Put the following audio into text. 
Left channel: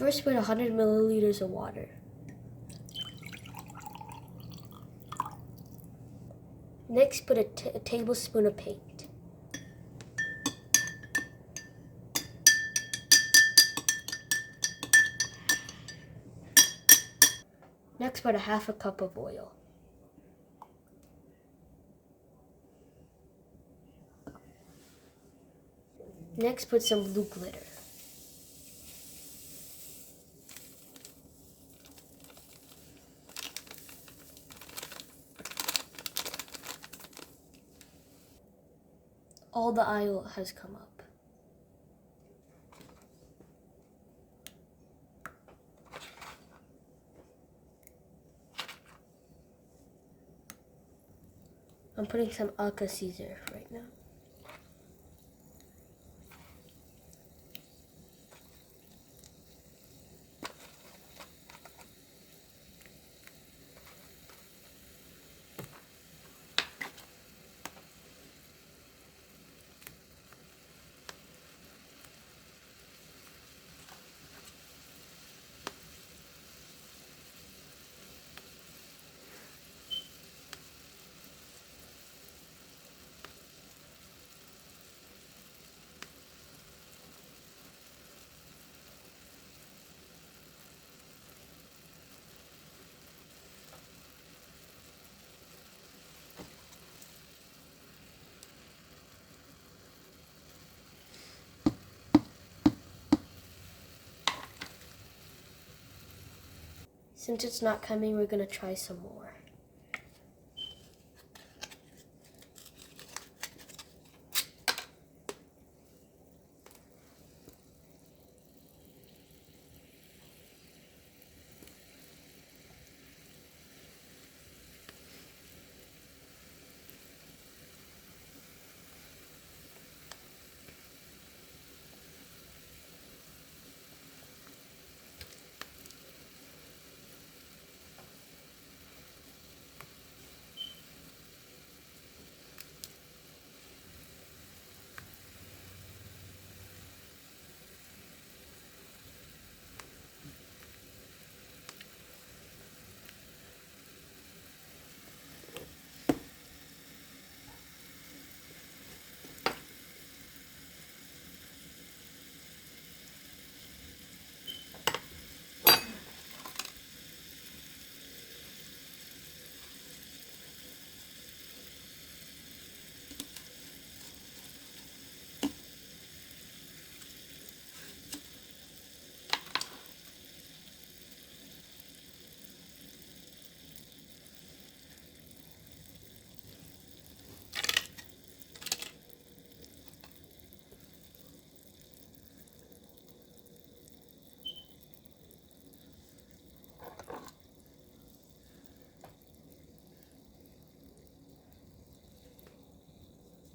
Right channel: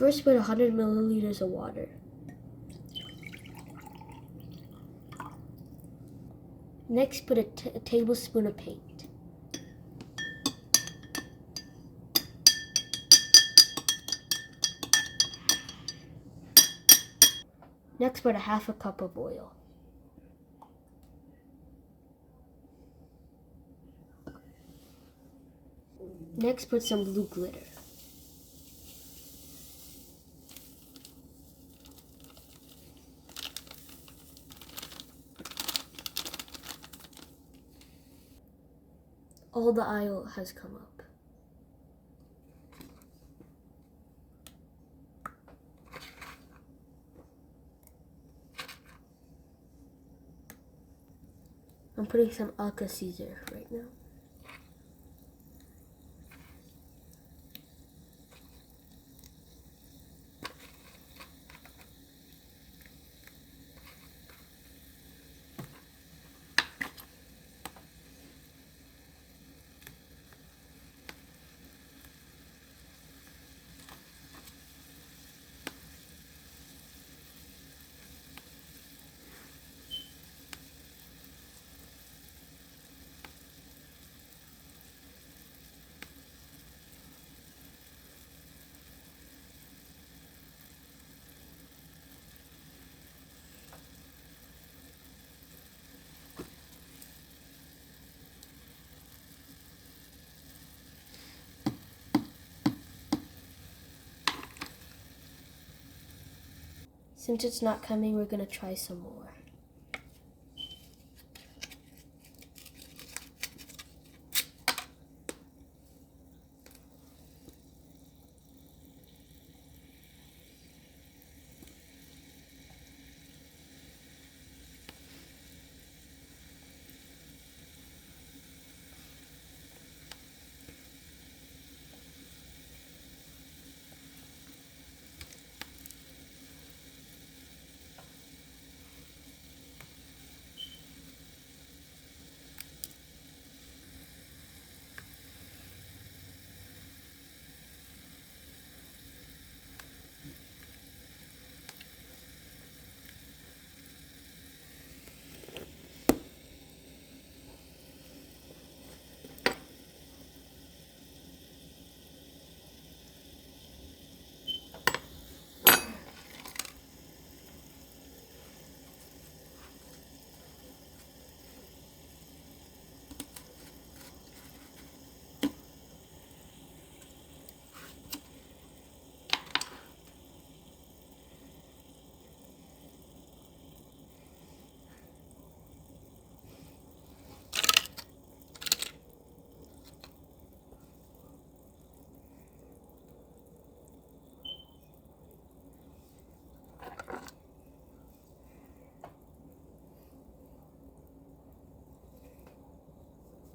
First, put 100 milliliters of water. Next, put a tablespoon of paint. Next, put a half a cup of oil. Next, put some blue glitter. All the oil has come up. I'm putting some Alka-Seltzer right now. Since it's not coming, we're gonna try some more.